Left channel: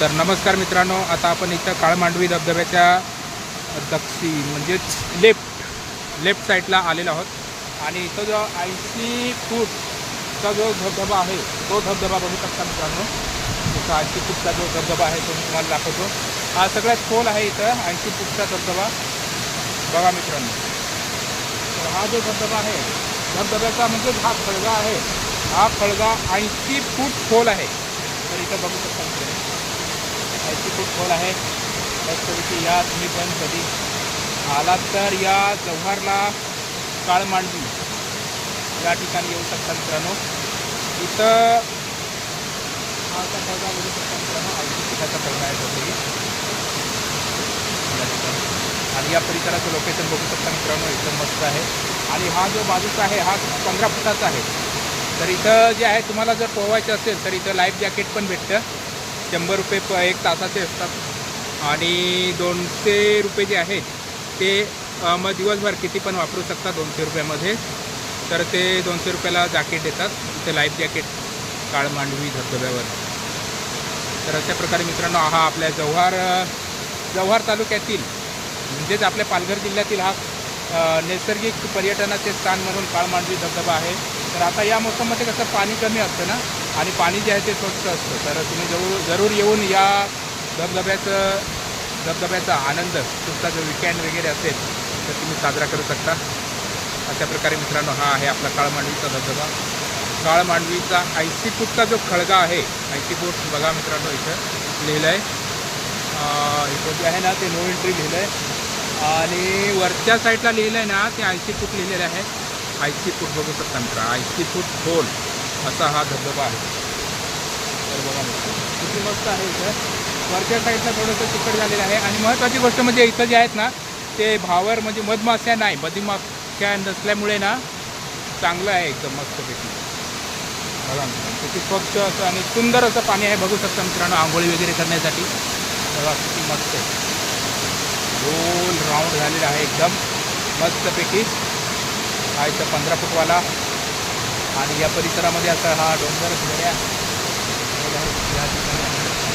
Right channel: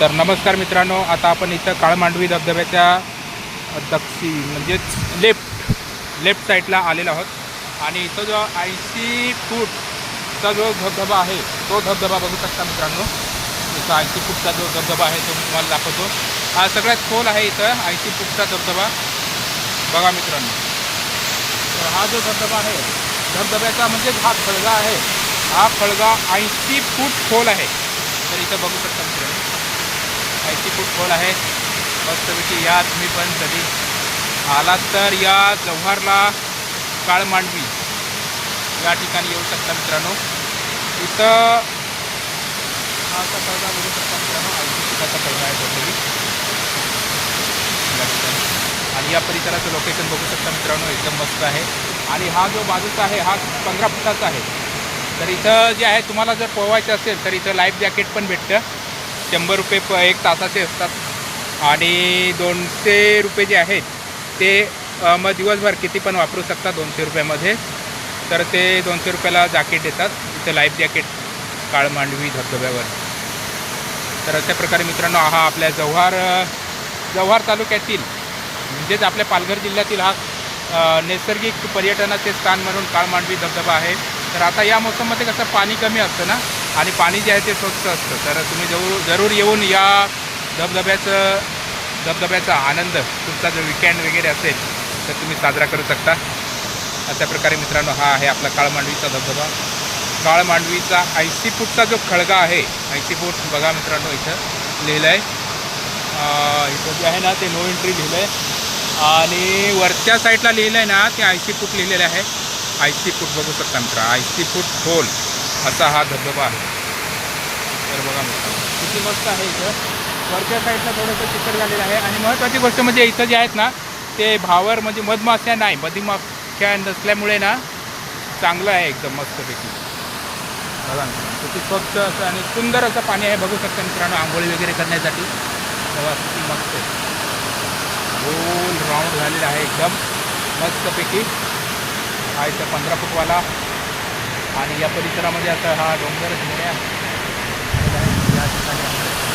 तर नमस्कार मित्रांनो, आता आपण इथं काळमांडवी धबधब्याच्या म्हणजेच लेफ्ट साईडला आलेलो आहोत आणि इथं जो 80 फूटचा जो धबधबा आहे तो धबधबा बघू शकता मित्रांनो. इथं 80 फूटचा जो धबधबा आहे तो मी तुम्हाला दाखवतो. हा सगळ्यात खोल आहे इथं 80 फूटचा धबधबा बघा मित्रांनो. तर हा जो धबधबा आहे धबधब्याचा म्हणजे हा खळगा आहे. हा खळगा 80 फूट खोल आहे. तर इथं बघू शकता मित्रांनो 80 फूट खोल आहे. मस्तपैकी या तुम्ही पण कधी आलात तर या जव्हारला काळमांडवी या ठिकाणी येऊ शकता मित्रांनो. इथं हा असा खळगा बघू शकता मित्रांनो. 80 फुटाचा खळगा आहे तोही या ठिकाणी. आणि या परिसराचं लोकेशन बघू शकता मित्रांनो एकदम मस्त आहे. आणि हा जो बाजूचा आहे हा 15 फुटाचा आहे. तर इथं जे आहे तुम्हाला जर पोहायचं असेल तर इथं लाईफ जॅकेट पण भेटतं. 100 रुपये एक तासाचे असतात आणि 200 रुपये जे आहेत ते मग दिवसभर किती पण वापरू शकता 200 रुपयामध्ये. तर ते 200 रुपयाला जॅकेट देतात इथं लाईफ जॅकेट काळमांडवी धबधब्यावर. तर अशा प्रकारे मित्रांनो हा आपल्या जव्हार तालुक्यातील म्हणजेच आपल्या पालघर जिल्ह्यातील हा नैसर्गिक पर्यटनाचे स्थान म्हणून काळमांडवी धबधबा आहे. तर आता या मोसममध्ये कसं पाणी कमी असतं ना आणि पाणी जे आहे ते स्वच्छ असतं. तर तुम्ही जरूर येऊन या धबधब्याचा आनंद तुमचा जो विकेंड वगैरे असेल तर तुम्ही साजरा करू शकता. अशा प्रकारे मित्रांनो हा आहे आपला काळमांडवीचा धबधबा. काळमांडवीचा 80 फूटचा जो खळगा आहे 80 फूट बघा मित्रांनो इथं लिहिलं आहे. इथं जे आहे ना ते नो एंट्री लिहिलं आहे आणि वरच्या साईडला लिहिलं आहे ना ते 80 फूट लिहिलेलं आहे. 80 फूट बघू शकता मित्र 80 फूट खोल असा हा धबधबा आहे. तर बघा मित्रांनो किती मस्त आहे. इथं वरच्या साईडला थोडंसं चिकट झालेलं आहे. आणि महत्त्वाची गोष्ट म्हणजे इथं जे आहेत ना ते भावर म्हणजे मधमाख्या नाही मधमाख्या नसल्यामुळे ना चांगलं आहे एकदम मस्तपैकी. बघा मित्रांनो किती स्वच्छ असं आणि सुंदर असं पाणी आहे बघू शकता मित्रांनो आंघोळी वगैरे करण्यासाठी. बघा किती मस्त आहे. गोल राऊंड झालेला आहे एकदम मस्तपैकी. हा इथं 15 फूटवाला आणि या परिसरामध्ये आता हा डोंगर दऱ्या या ठिकाणी आहे.